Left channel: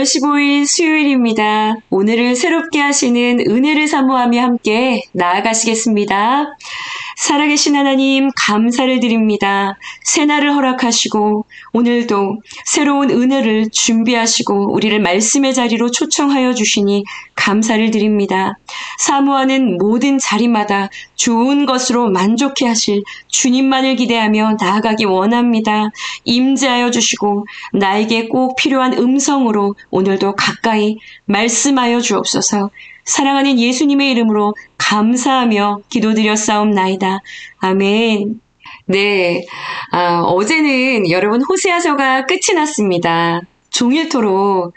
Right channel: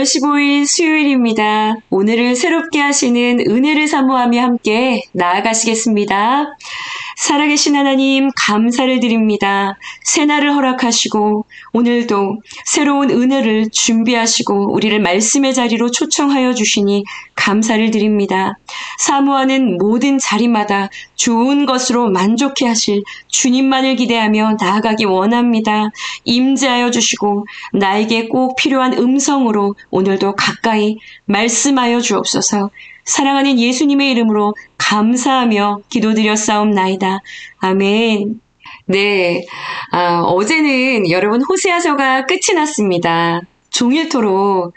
5월 15일 수요일입니다. 오늘을 새롭게 하시는 은혜를 사모하며 함께 나아가시겠습니다. 살아계신 하나님 감사를 드립니다. 새날을 허락하시고 오늘도 새로운 은혜를 준비하시고 우리를 말씀의 자리로 초청하여 주시니 감사를 드립니다. 사모하는 모든 자리마다 좋은 것으로 만족해 하실 주님만을 기대하며 나아가기 원합니다. 임재하여 주시고 나에게 꼭 필요한 음성으로 오늘도 가까이 말씀하여 주옵소서. 사랑하는 예수님의 이름으로 감사하며 기도드렸사옵나이다. 아멘. 네, 어제는 여러분 호세아서가 끝이 났습니다. 종일토록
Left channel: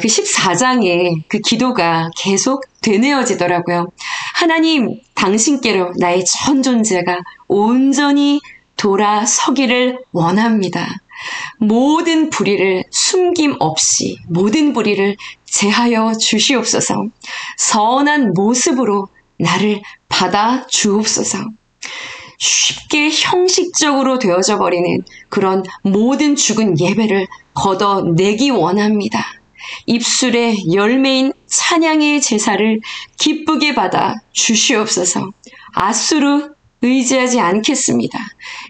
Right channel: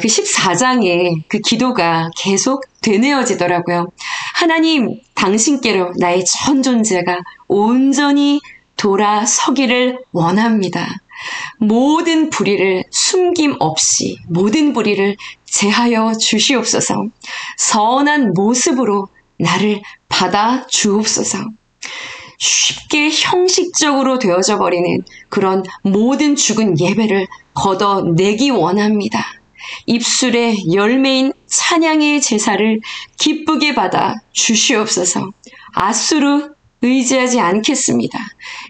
그 14장의 그 기도가 계속 되뇌어지더라고요. 하나님, 당신께로 나의 전 존재가 온전히 돌아서기를 원합니다. 모든 불의를 숨김없이 모든 불의를 제하여 주시옵소서. 선한 모습으로 나를 받아 주옵소서. 쉽게 형식적으로 되어져 버리는 그런 모든 죽은 예배를 걷어내기 원합니다. 입술의 열매인 찬양의 제사를 기쁘게 받아 주시옵소서. 아수르 의지하지 않겠습니다.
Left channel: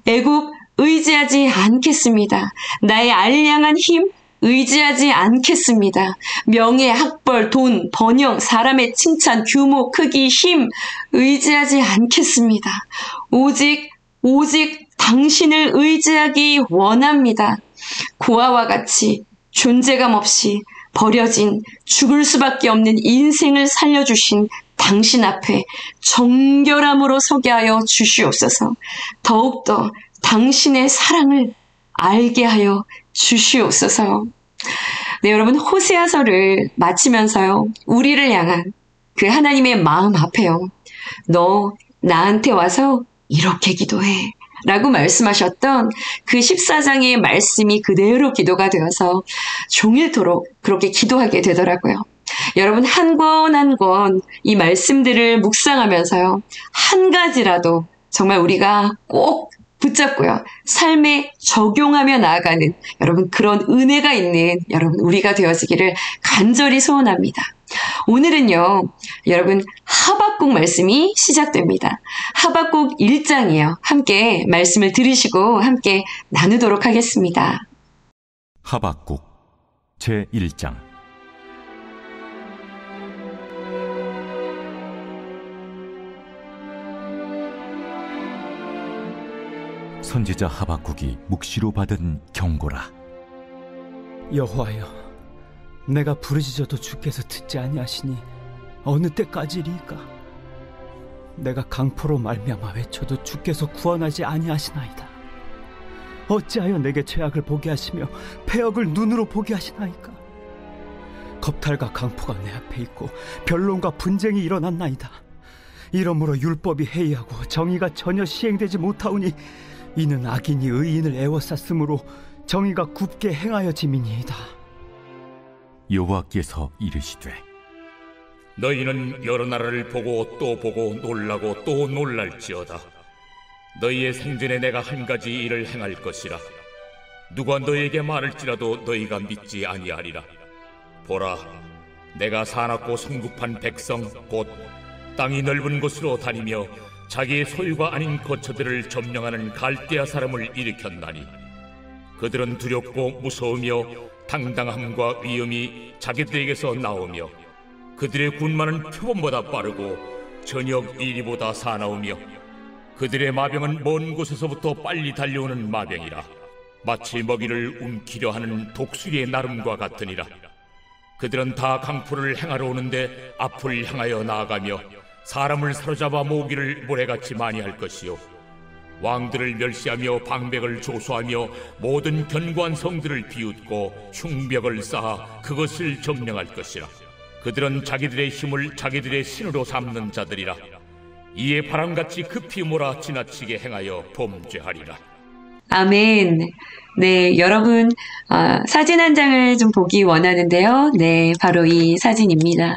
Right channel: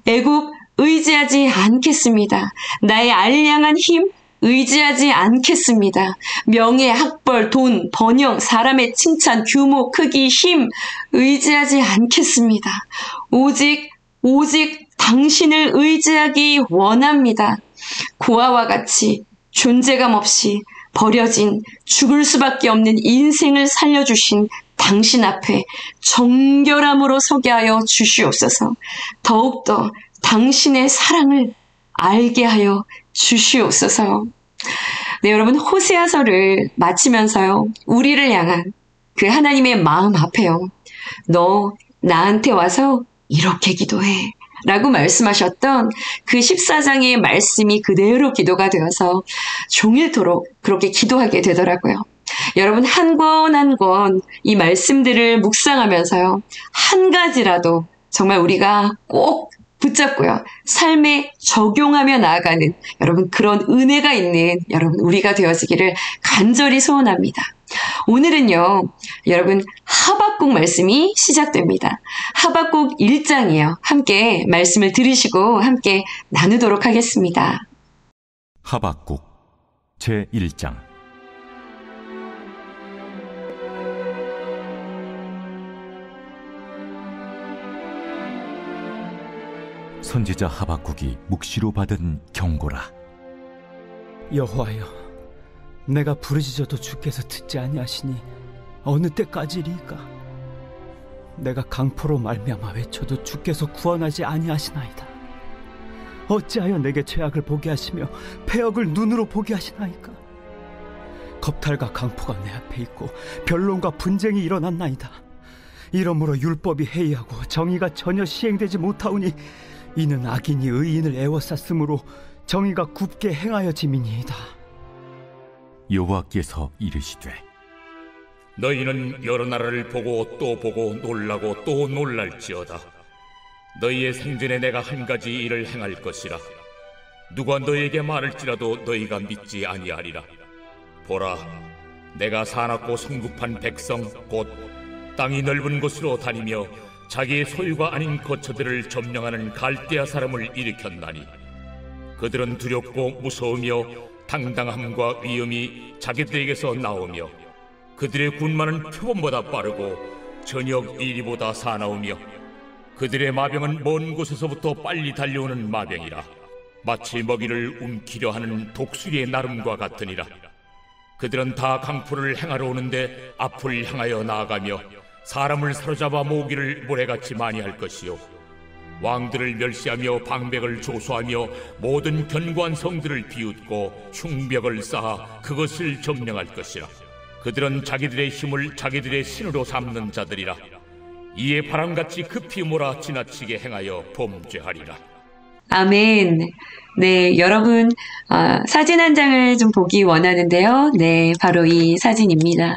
애굽 의지하지 않겠습니다. 나의 알량한 힘 의지하지 않겠습니다. 명예, 학벌, 돈, 번영, 사람의 칭찬, 규모, 크기, 힘 의지하지 않겠습니다. 오직 당신을 의지하기 원합니다. 고아와 같이 존재감 없이 버려진 죽을 수밖에 없는 인생을 살려주신 당신 앞에 정결함으로 서게 하여 주시옵소서. 더욱더 당신의 사랑을 알게 하여 주시옵소서. 네, 여러분 호세아서를 마치면서요. 우리를 향한 그 하나님의 마음 앞에요. 너 나한테 와서 이렇게 기도해. 라고 말씀하셨던 그 14장의 말씀이 그대로 기도가 되어서 종일토록 그렇게 기도하게 되더라고요. 여러분 한 권 한 권 이 말씀들을 묵상하면서요. 한 가지라도 정말 우리가 꼭 붙잡고요. 삶에 적용하며 나아가는 여러분 그런 은혜가 있는 여러분 우리가 되어지기를 간절히 소원합니다. 오늘은요. 여러분 하박국 말씀이 시작됩니다. 하박국 1장이에요. 함께 말씀을 들으시고 함께 나누도록 하겠습니다. 하박국 제1장. 선지자 하박국이 묵시로 받은 경고라. 여호와여, 내가 부르짖어도 주께서 듣지 아니하시니 어느 때까지리이까? 내가 강포로 말미암아 외쳐도 주께서 구원하지 아니하시나이다. 어찌하여 내게 죄악을 보게 하시며 패역을 눈으로 보게 하시나이까? 겁탈과 강포가 내 앞에 있고 변론과 분쟁이 일어났나이다. 이러므로 율법이 해이하고 정의가 전혀 시행되지 못하오니 이는 악인이 의인을 애워쌌으므로 정의가 굽게 행하여짐이니이다. 여호와께서 이르시되 너희는 여러 나라를 보고 또 보고 놀라고 또 놀랄지어다. 너희의 생전에 내가 한 가지 일을 행할 것이라. 누가 너희에게 말할지라도 너희가 믿지 아니하리라. 보라, 내가 사납고 성급한 백성 곧 땅이 넓은 곳으로 다니며 자기의 소유가 아닌 거처들을 점령하는 갈대아 사람을 일으켰나니 그들은 두렵고 무서우며 당당함과 위엄이 자기들에게서 나오며 그들의 군마는 표범보다 빠르고 저녁 이리보다 사나우며 그들의 마병은 먼 곳에서부터 빨리 달려오는 마병이라. 마치 먹이를 움키려 하는 독수리의 나름과 같으니라. 그들은 다 강포를 행하러 오는데 앞을 향하여 나아가며 사람을 사로잡아 모으기를 모래같이 많이 할 것이요 왕들을 멸시하며 방백을 조소하며 모든 견고한 성들을 비웃고 흉벽을 쌓아 그것을 점령할 것이라. 그들은 자기들의 힘을 자기들의 신으로 삼는 자들이라. 이에 바람같이 급히 몰아 지나치게 행하여 범죄하리라. 아멘. 네, 여러분 사진 한 장을 좀 보기 원하는데요. 네, 바로 이 사진입니다.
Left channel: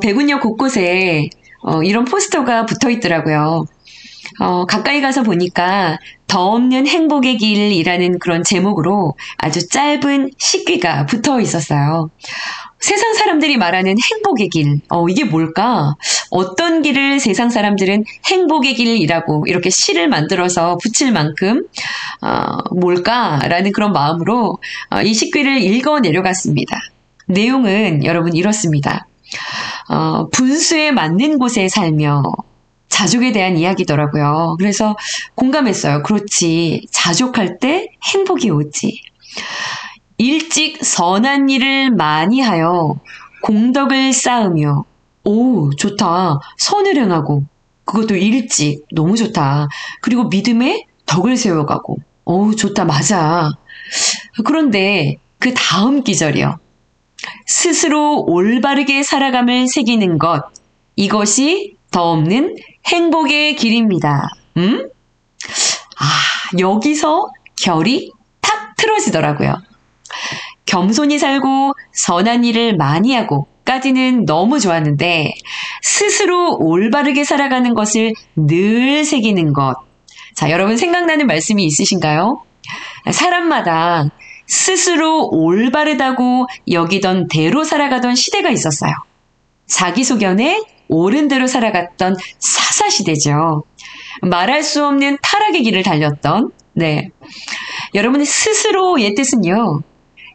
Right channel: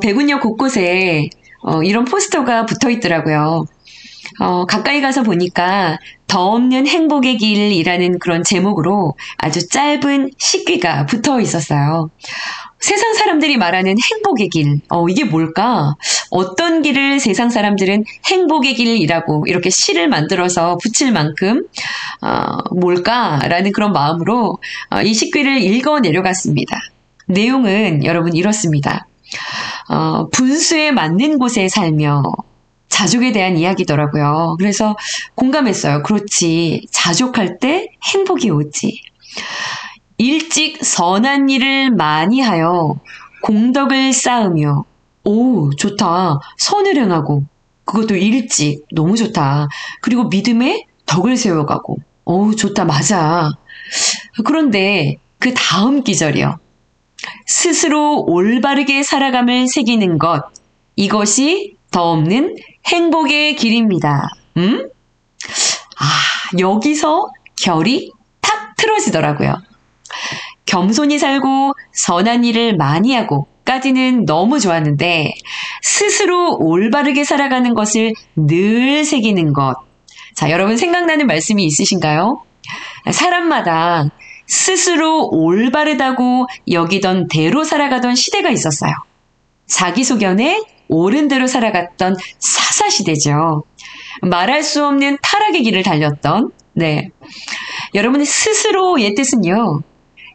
백운역 곳곳에 이런 포스터가 붙어 있더라고요. 가까이 가서 보니까 더 없는 행복의 길이라는 그런 제목으로 아주 짧은 식귀가 붙어 있었어요. 세상 사람들이 말하는 행복의 길, 이게 뭘까? 어떤 길을 세상 사람들은 행복의 길이라고 이렇게 시를 만들어서 붙일 만큼 뭘까라는 그런 마음으로 이 식귀를 읽어 내려갔습니다. 내용은 여러분 이렇습니다. 분수에 맞는 곳에 살며 자족에 대한 이야기더라고요. 그래서 공감했어요. 그렇지. 자족할 때 행복이 오지. 일찍 선한 일을 많이 하여 공덕을 쌓으며 오, 좋다. 선을 행하고 그것도 일찍 너무 좋다. 그리고 믿음에 덕을 세워가고 오, 좋다. 맞아. 그런데 그 다음 기절이요. 스스로 올바르게 살아감을 새기는 것 이것이 더 없는 행복의 길입니다. 여기서 결이 탁 틀어지더라고요. 겸손히 살고 선한 일을 많이 하고 까지는 너무 좋았는데 스스로 올바르게 살아가는 것을 늘 새기는 것. 자, 여러분 생각나는 말씀이 있으신가요? 사람마다 스스로 올바르다고 여기던 대로 살아가던 시대가 있었어요. 자기소견에 옳은 대로 살아갔던 사사시대죠. 말할 수 없는 타락의 길을 달렸던 여러분의 스스로의 뜻은요.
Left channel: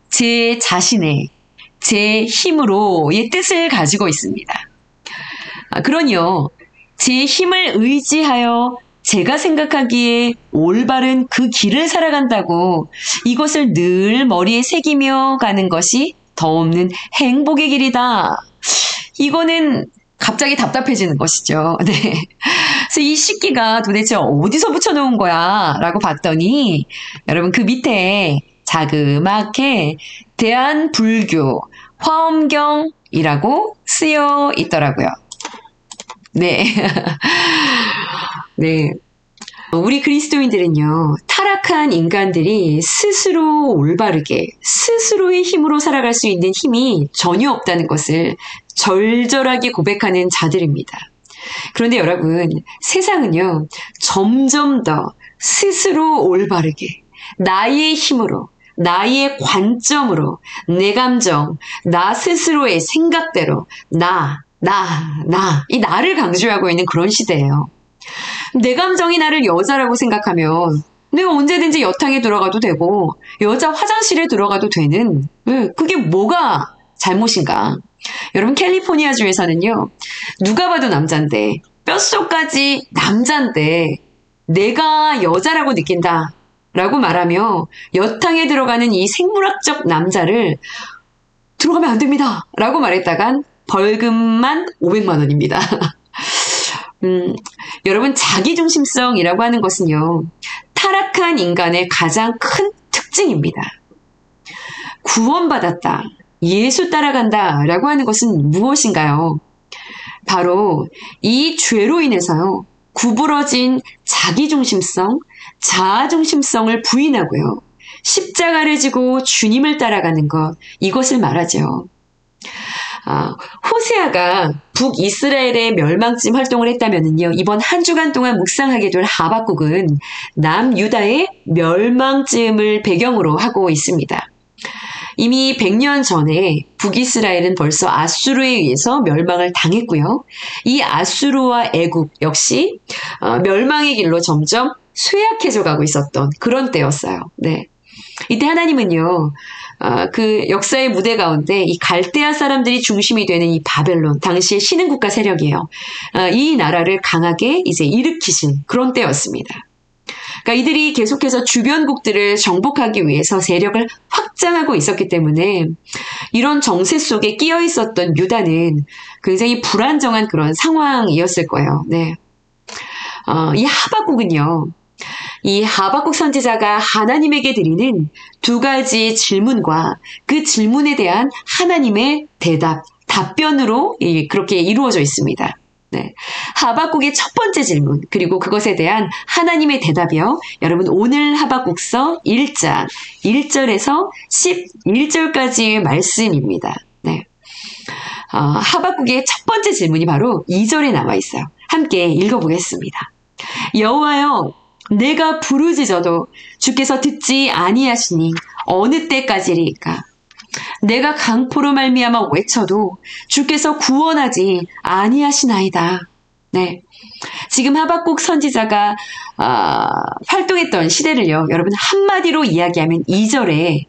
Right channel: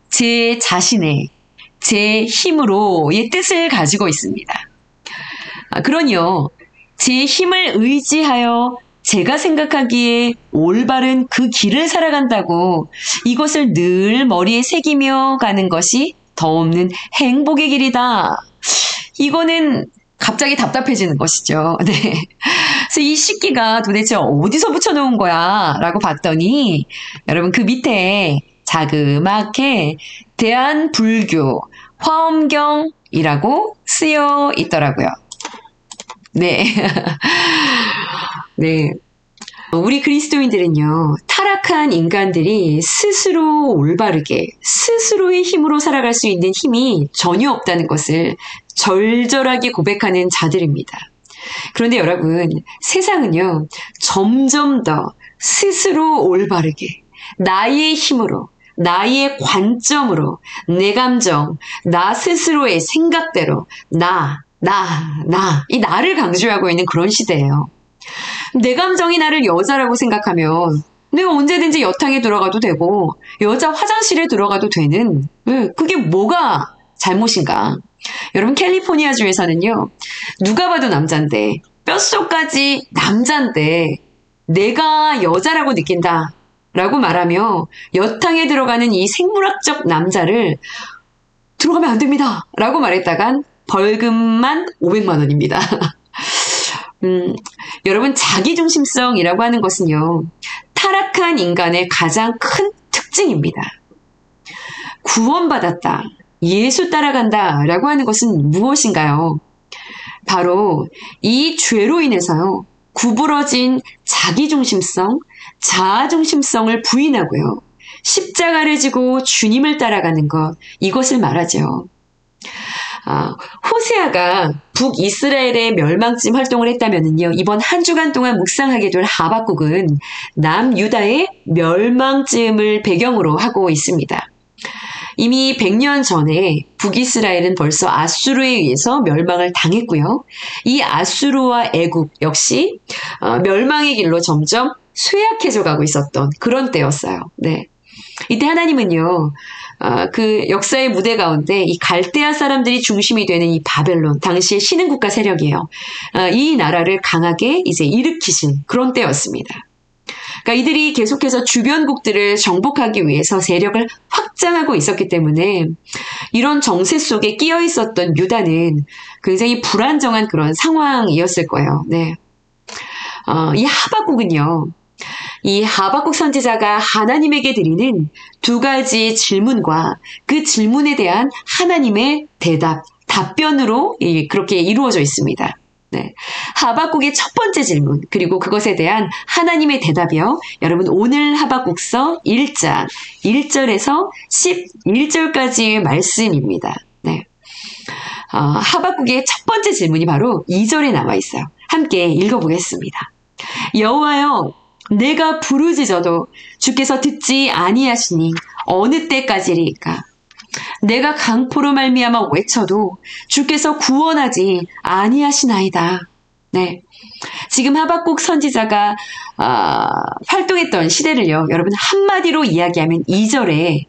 제 자신의 제 힘으로의 뜻을 가지고 있습니다. 그러니요. 제 힘을 의지하여 제가 생각하기에 올바른 그 길을 살아간다고 이것을 늘 머리에 새기며 가는 것이 더 없는 행복의 길이다. 이거는 갑자기 답답해지는 것이죠. 네. 그래서 이 식기가 도대체 어디서 붙여놓은 거야? 라고 봤더니 여러분 그 밑에 자그맣게 대한불교 화엄경이라고 쓰여 있더라고요. 네. 네. 우리 그리스도인들은요, 타락한 인간들이 스스로 올바르게, 스스로의 힘으로 살아갈 수 있는 힘이 전혀 없다는 것을 절절하게 고백하는 자들입니다. 그런데 여러분, 세상은요, 점점 더 스스로 올바르게, 나의 힘으로, 나의 관점으로, 내 감정, 나 스스로의 생각대로, 이 나를 강조하고 있는 그런 시대예요. 내 감정이 나를 여자라고 생각하면 내가 언제든지 여탕에 들어가도 되고 여자 화장실에 들어가도 되는 그게 뭐가 잘못인가? 여러분 캘리포니아주에서는요. 누가 봐도 남잔데 뼛속까지 남잔데 내가 여자라고 느낀다 라고 말하며 여탕에 들어가는 이 생물학적 남자를 들어가면 안 됩니다 라고 말했다간 벌금만 500만 원입니다. 여러분 자기중심성이라고 하는 것은요. 타락한 인간의 가장 큰 특징입니다. 구원받았다. 예수 따라간다 라고 하는 것은 무엇인가요? 바로 이 죄로 인해서요. 구부러진 자기중심성, 자아중심성을 부인하고요. 십자가를 지고 주님을 따라가는 것, 이것을 말하죠. 호세아가 북이스라엘의 멸망쯤 활동을 했다면요. 이번 한 주간 동안 묵상하게 될 하박국은 남유다의 멸망쯤을 배경으로 하고 있습니다. 이미 100년 전에 북이스라엘은 벌써 아수르에 의해서 멸망을 당했고요. 이 아수르와 애굽 역시 멸망의 길로 점점 쇠약해져 가고 있었던 그런 때였어요. 네. 이때 하나님은요. 그 역사의 무대 가운데 이 갈대아 사람들이 중심이 되는 이 바벨론, 당시의 신흥국가 세력이에요. 이 나라를 강하게 이제 일으키신 그런 때였습니다. 그러니까 이들이 계속해서 주변국들을 정복하기 위해서 세력을 확장하고 있었기 때문에 이런 정세 속에 끼어 있었던 유다는 굉장히 불안정한 그런 상황이었을 거예요. 네. 이 하박국은요. 이 하박국 선지자가 하나님에게 드리는 두 가지 질문과 그 질문에 대한 하나님의 대답, 답변으로 그렇게 이루어져 있습니다. 네. 하박국의 첫 번째 질문, 그리고 그것에 대한 하나님의 대답이요. 여러분, 오늘 하박국서 1장 1절에서 11절까지의 말씀입니다. 네. 하박국의 첫 번째 질문이 바로 2절에 나와 있어요. 함께 읽어보겠습니다. 여호와여, 내가 부르짖어도 주께서 듣지 아니하시니 어느 때까지리까? 내가 강포로 말미암아 외쳐도 주께서 구원하지 아니하시나이다. 네, 지금 하박국 선지자가 활동했던 시대를요, 여러분 한마디로 이야기하면 2절에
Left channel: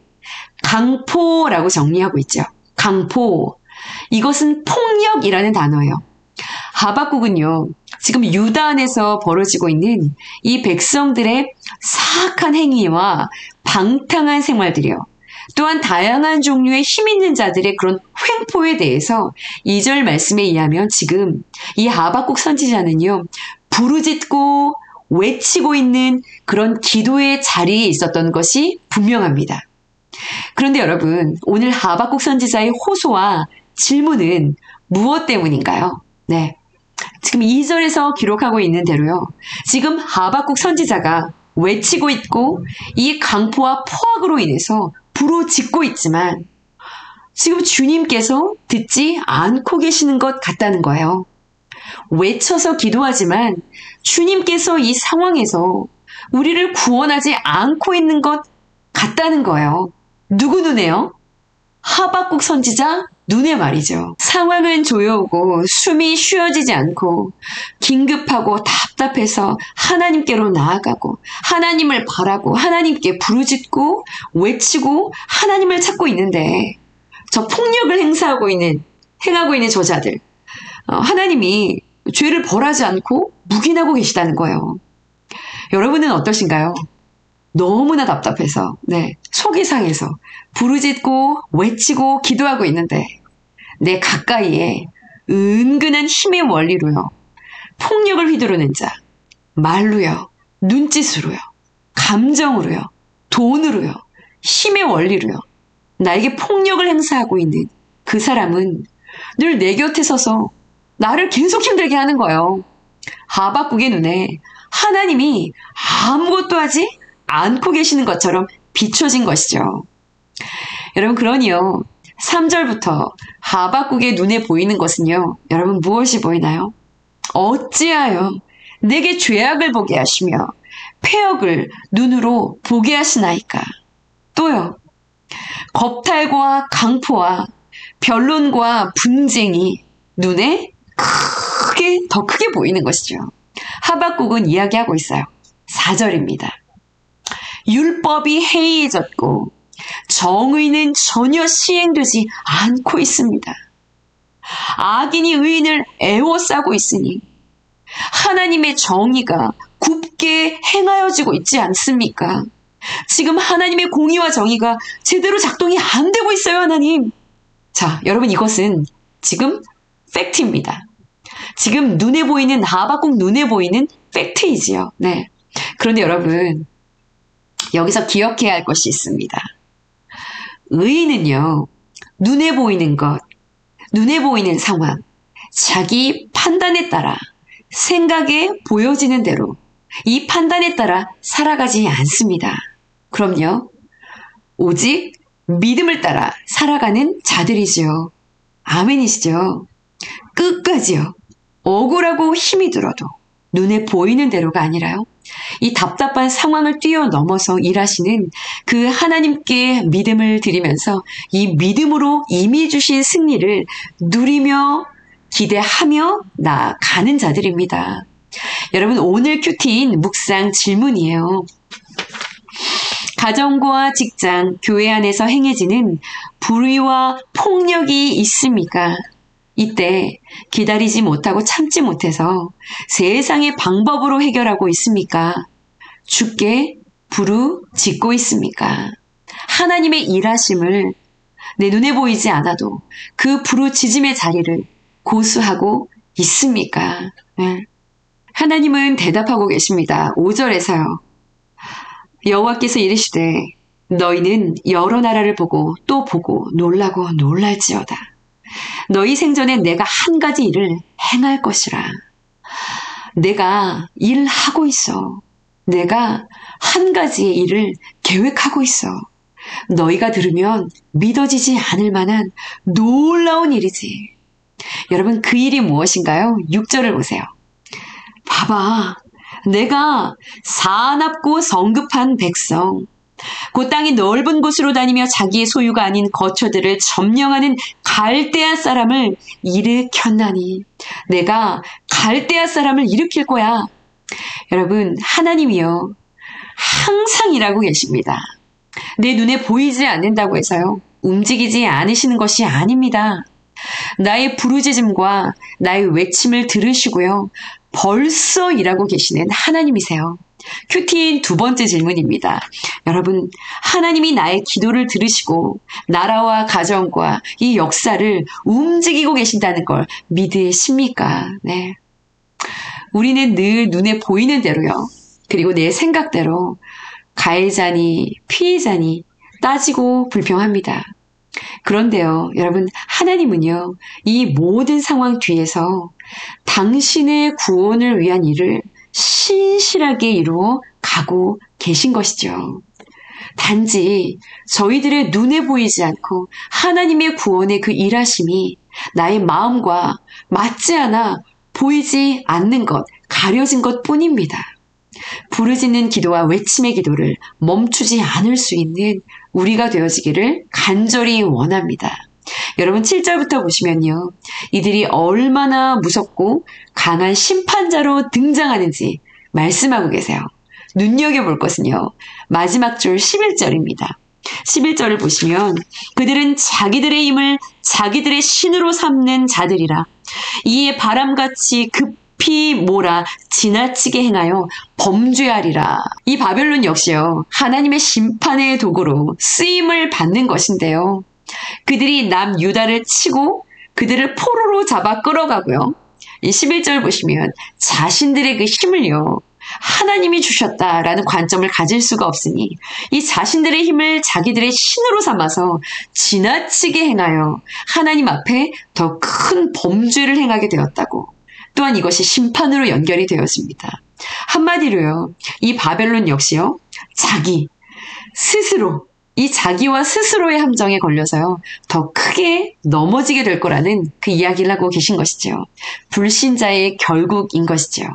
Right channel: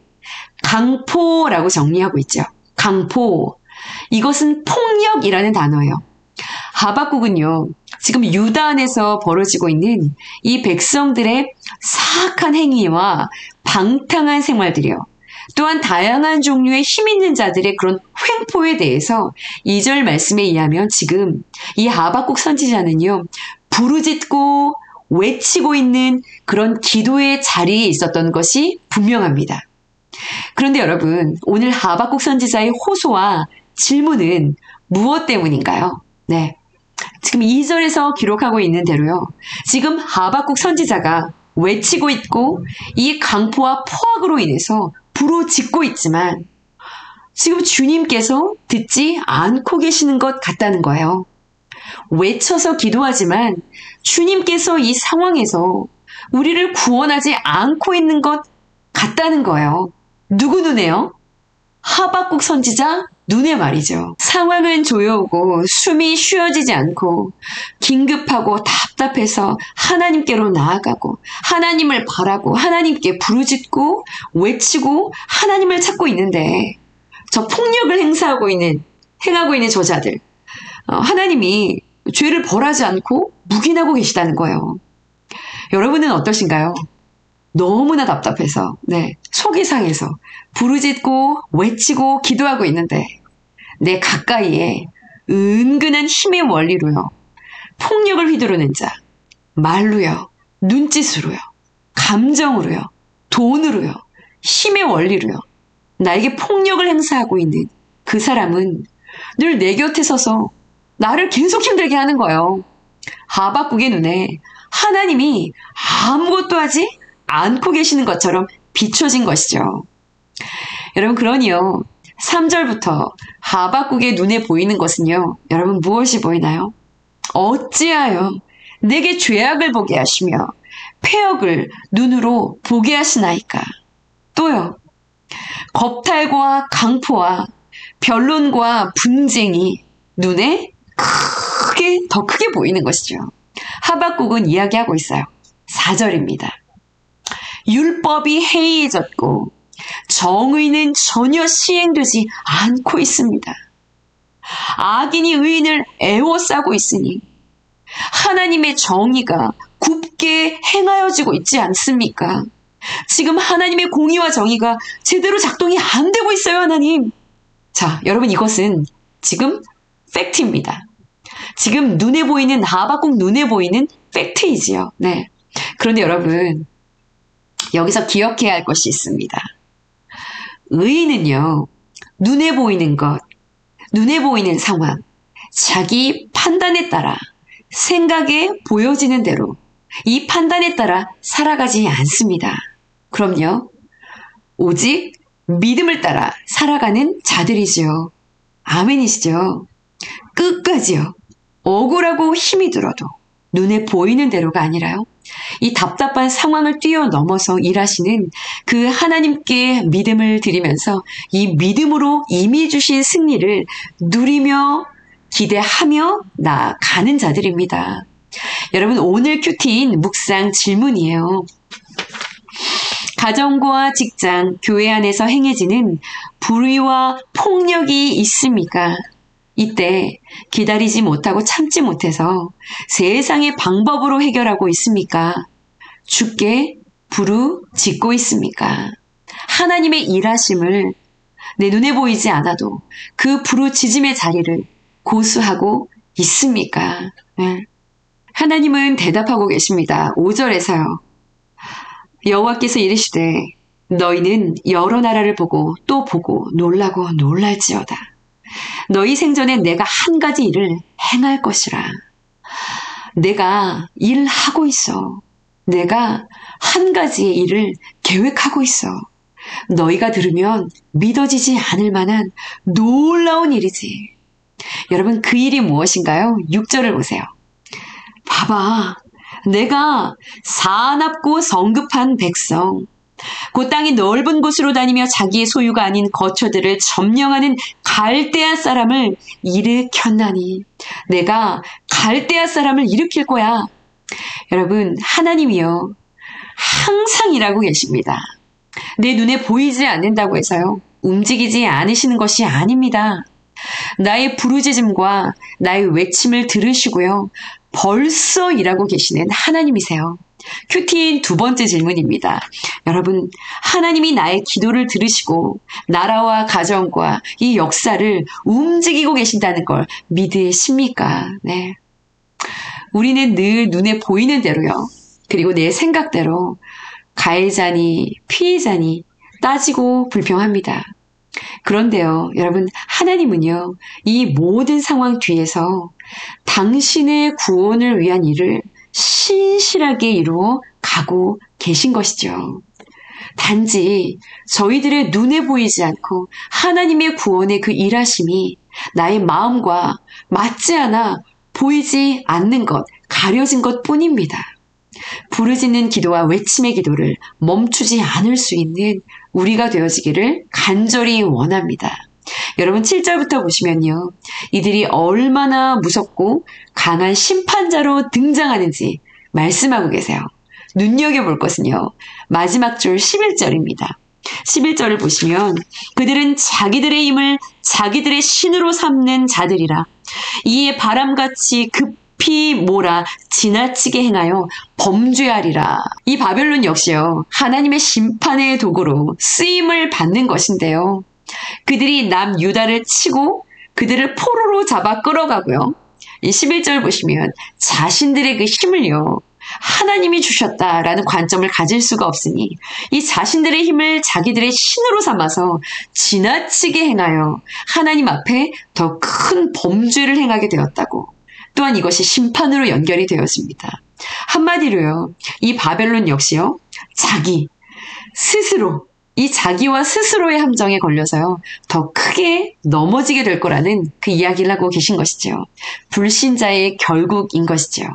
강포라고 정리하고 있죠. 강포. 이것은 폭력이라는 단어예요. 하박국은요, 지금 유다 안에서 벌어지고 있는 이 백성들의 사악한 행위와 방탕한 생활들이요, 또한 다양한 종류의 힘 있는 자들의 그런 횡포에 대해서 2절 말씀에 의하면 지금 이 하박국 선지자는요, 부르짖고 외치고 있는 그런 기도의 자리에 있었던 것이 분명합니다. 그런데 여러분, 오늘 하박국 선지자의 호소와 질문은 무엇 때문인가요? 네, 지금 2절에서 기록하고 있는 대로요, 지금 하박국 선지자가 외치고 있고 이 강포와 포악으로 인해서 부르짖고 있지만 지금 주님께서 듣지 않고 계시는 것 같다는 거예요. 외쳐서 기도하지만 주님께서 이 상황에서 우리를 구원하지 않고 있는 것 같다는 거예요. 누구 눈에요? 하박국 선지자 눈에 말이죠. 상황은 조여오고 숨이 쉬어지지 않고 긴급하고 답답해서 하나님께로 나아가고 하나님을 바라고 하나님께 부르짖고 외치고 하나님을 찾고 있는데, 저 폭력을 행하고 있는 저자들, 하나님이 죄를 벌하지 않고 묵인하고 계시다는 거예요. 여러분은 어떠신가요? 너무나 답답해서, 네, 속이 상해서 부르짖고 외치고 기도하고 있는데 내 가까이에 은근한 힘의 원리로요, 폭력을 휘두르는 자, 말로요, 눈짓으로요, 감정으로요, 돈으로요, 힘의 원리로요, 나에게 폭력을 행사하고 있는 그 사람은 늘 내 곁에 서서 나를 계속 힘들게 하는 거예요. 하박국의 눈에 하나님이 아무것도 하지 않고 계시는 것처럼 비춰진 것이죠. 여러분, 그러니요, 3절부터 하박국의 눈에 보이는 것은요, 여러분 무엇이 보이나요? 어찌하여 내게 죄악을 보게 하시며 패역을 눈으로 보게 하시나이까? 또요, 겁탈과 강포와 변론과 분쟁이 눈에 더 크게 보이는 것이죠. 하박국은 이야기하고 있어요. 4절입니다. 율법이 해이해졌고 정의는 전혀 시행되지 않고 있습니다. 악인이 의인을 애워싸고 있으니 하나님의 정의가 굽게 행하여지고 있지 않습니까? 지금 하나님의 공의와 정의가 제대로 작동이 안 되고 있어요, 하나님. 자, 여러분, 이것은 지금 팩트입니다. 지금 눈에 보이는, 하박국 눈에 보이는 팩트이지요. 네. 그런데 여러분, 여기서 기억해야 할 것이 있습니다. 의인은요, 눈에 보이는 것, 눈에 보이는 상황, 자기 판단에 따라, 생각에 보여지는 대로 이 판단에 따라 살아가지 않습니다. 그럼요, 오직 믿음을 따라 살아가는 자들이지요. 아멘이시죠? 끝까지요. 억울하고 힘이 들어도 눈에 보이는 대로가 아니라요, 이 답답한 상황을 뛰어넘어서 일하시는 그 하나님께 믿음을 드리면서 이 믿음으로 이미 주신 승리를 누리며 기대하며 나아가는 자들입니다. 여러분, 오늘 큐티인 묵상 질문이에요. 가정과 직장, 교회 안에서 행해지는 불의와 폭력이 있습니까? 이때 기다리지 못하고 참지 못해서 세상의 방법으로 해결하고 있습니까? 주께 부르짖고 있습니까? 하나님의 일하심을 내 눈에 보이지 않아도 그 부르짖음의 자리를 고수하고 있습니까? 네. 하나님은 대답하고 계십니다. 5절에서요. 여호와께서 이르시되 너희는 여러 나라를 보고 또 보고 놀라고 놀랄지어다. 너희 생전에 내가 한 가지 일을 행할 것이라. 내가 일하고 있어. 내가 한 가지의 일을 계획하고 있어. 너희가 들으면 믿어지지 않을 만한 놀라운 일이지. 여러분, 그 일이 무엇인가요? 6절을 보세요. 봐봐. 내가 사납고 성급한 백성, 그 땅이 넓은 곳으로 다니며 자기의 소유가 아닌 거처들을 점령하는 갈대아 사람을 일으켰나니 내가 갈대아 사람을 일으킬 거야. 여러분, 하나님이요 항상 일하고 계십니다. 내 눈에 보이지 않는다고 해서요 움직이지 않으시는 것이 아닙니다. 나의 부르짖음과 나의 외침을 들으시고요 벌써 일하고 계시는 하나님이세요. 큐티인 두 번째 질문입니다. 여러분, 하나님이 나의 기도를 들으시고 나라와 가정과 이 역사를 움직이고 계신다는 걸 믿으십니까? 네. 우리는 늘 눈에 보이는 대로요. 그리고 내 생각대로 가해자니 피해자니 따지고 불평합니다. 그런데요, 여러분, 하나님은요, 이 모든 상황 뒤에서 당신의 구원을 위한 일을 신실하게 이루어 가고 계신 것이죠. 단지 저희들의 눈에 보이지 않고 하나님의 구원의 그 일하심이 나의 마음과 맞지 않아 보이지 않는 것, 가려진 것 뿐입니다. 부르짖는 기도와 외침의 기도를 멈추지 않을 수 있는 우리가 되어지기를 간절히 원합니다. 여러분 7절부터 보시면요. 이들이 얼마나 무섭고 강한 심판자로 등장하는지 말씀하고 계세요. 눈여겨볼 것은요. 마지막 줄 11절입니다. 11절을 보시면 그들은 자기들의 힘을 자기들의 신으로 삼는 자들이라 이에 바람같이 급히 몰아 지나치게 행하여 범죄하리라. 이 바벨론 역시요. 하나님의 심판의 도구로 쓰임을 받는 것인데요. 그들이 남유다를 치고 그들을 포로로 잡아 끌어가고요. 이 11절 보시면 자신들의 그 힘을요. 하나님이 주셨다라는 관점을 가질 수가 없으니 이 자신들의 힘을 자기들의 신으로 삼아서 지나치게 행하여 하나님 앞에 더 큰 범죄를 행하게 되었다고. 또한 이것이 심판으로 연결이 되었습니다. 한마디로요. 이 바벨론 역시요. 자기, 스스로 이 자기와 스스로의 함정에 걸려서요. 더 크게 넘어지게 될 거라는 그 이야기를 하고 계신 것이죠. 불신자의 결국인 것이죠.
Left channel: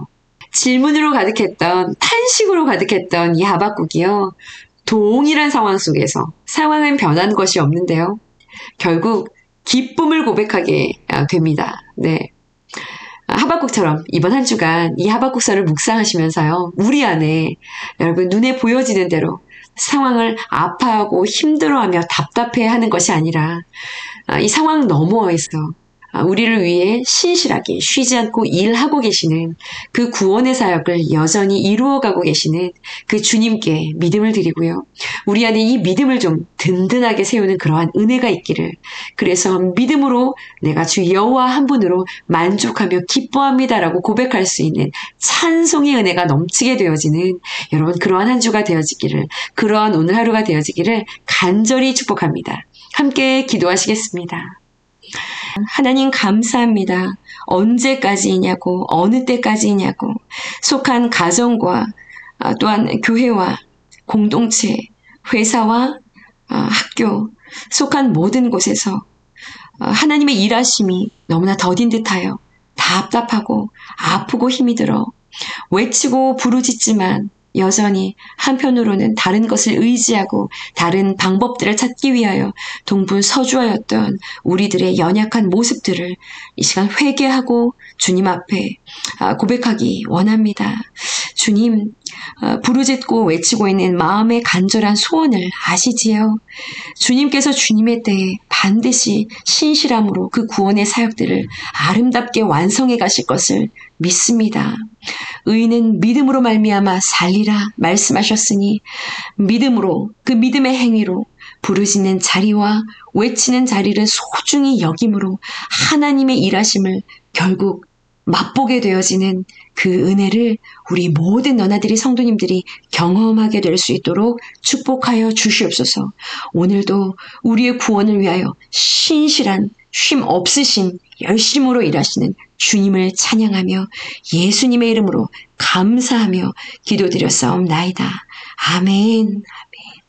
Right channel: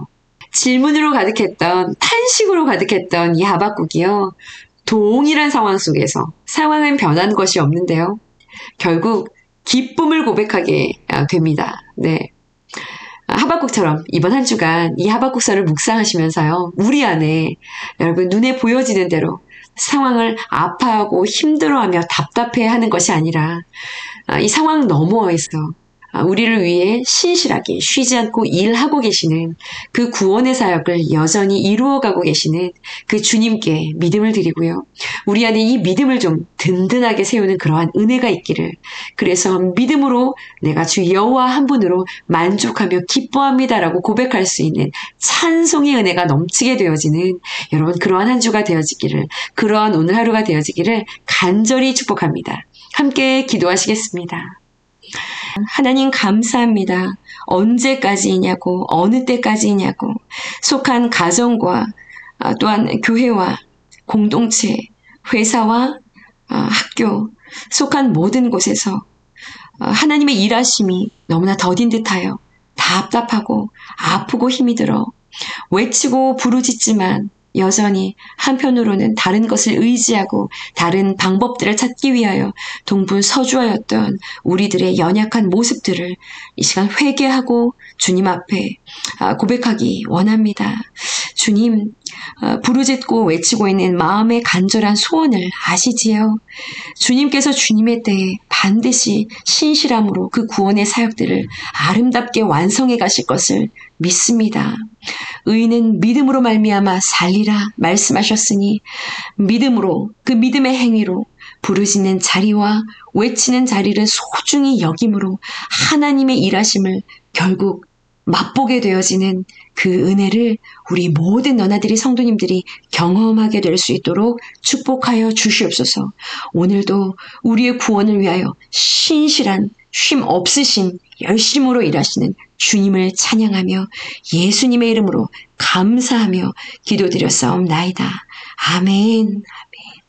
질문으로 가득했던 탄식으로 가득했던 이 하박국이요. 동일한 상황 속에서 상황은 변한 것이 없는데요. 결국 기쁨을 고백하게 됩니다. 네. 하박국처럼 이번 한 주간 이 하박국서를 묵상하시면서요. 우리 안에 여러분 눈에 보여지는 대로 상황을 아파하고 힘들어하며 답답해하는 것이 아니라 이 상황 너머에서 우리를 위해 신실하게 쉬지 않고 일하고 계시는 그 구원의 사역을 여전히 이루어가고 계시는 그 주님께 믿음을 드리고요. 우리 안에 이 믿음을 좀 든든하게 세우는 그러한 은혜가 있기를. 그래서 믿음으로 내가 주 여호와 한 분으로 만족하며 기뻐합니다라고 고백할 수 있는 찬송의 은혜가 넘치게 되어지는 여러분 그러한 한 주가 되어지기를, 그러한 오늘 하루가 되어지기를 간절히 축복합니다. 함께 기도하시겠습니다. 하나님 감사합니다. 언제까지이냐고, 어느 때까지이냐고, 속한 가정과 또한 교회와 공동체, 회사와 학교, 속한 모든 곳에서 하나님의 일하심이 너무나 더딘 듯하여 답답하고 아프고 힘이 들어 외치고 부르짖지만 여전히 한편으로는 다른 것을 의지하고 다른 방법들을 찾기 위하여 동분서주하였던 우리들의 연약한 모습들을 이 시간 회개하고 주님 앞에 고백하기 원합니다. 주님, 부르짖고 외치고 있는 마음의 간절한 소원을 아시지요? 주님께서 주님의 때에 반드시 신실함으로 그 구원의 사역들을 아름답게 완성해 가실 것을 믿습니다. 의인은 믿음으로 말미암아 살리라 말씀하셨으니 믿음으로, 그 믿음의 행위로 부르짖는 자리와 외치는 자리를 소중히 여김으로 하나님의 일하심을 결국 맛보게 되어지는 그 은혜를 우리 모든 너나들이 성도님들이 경험하게 될 수 있도록 축복하여 주시옵소서. 오늘도 우리의 구원을 위하여 신실한 쉼 없으신 열심으로 일하시는 주님을 찬양하며 예수님의 이름으로 감사하며 기도드렸사옵나이다. 아멘. 아멘.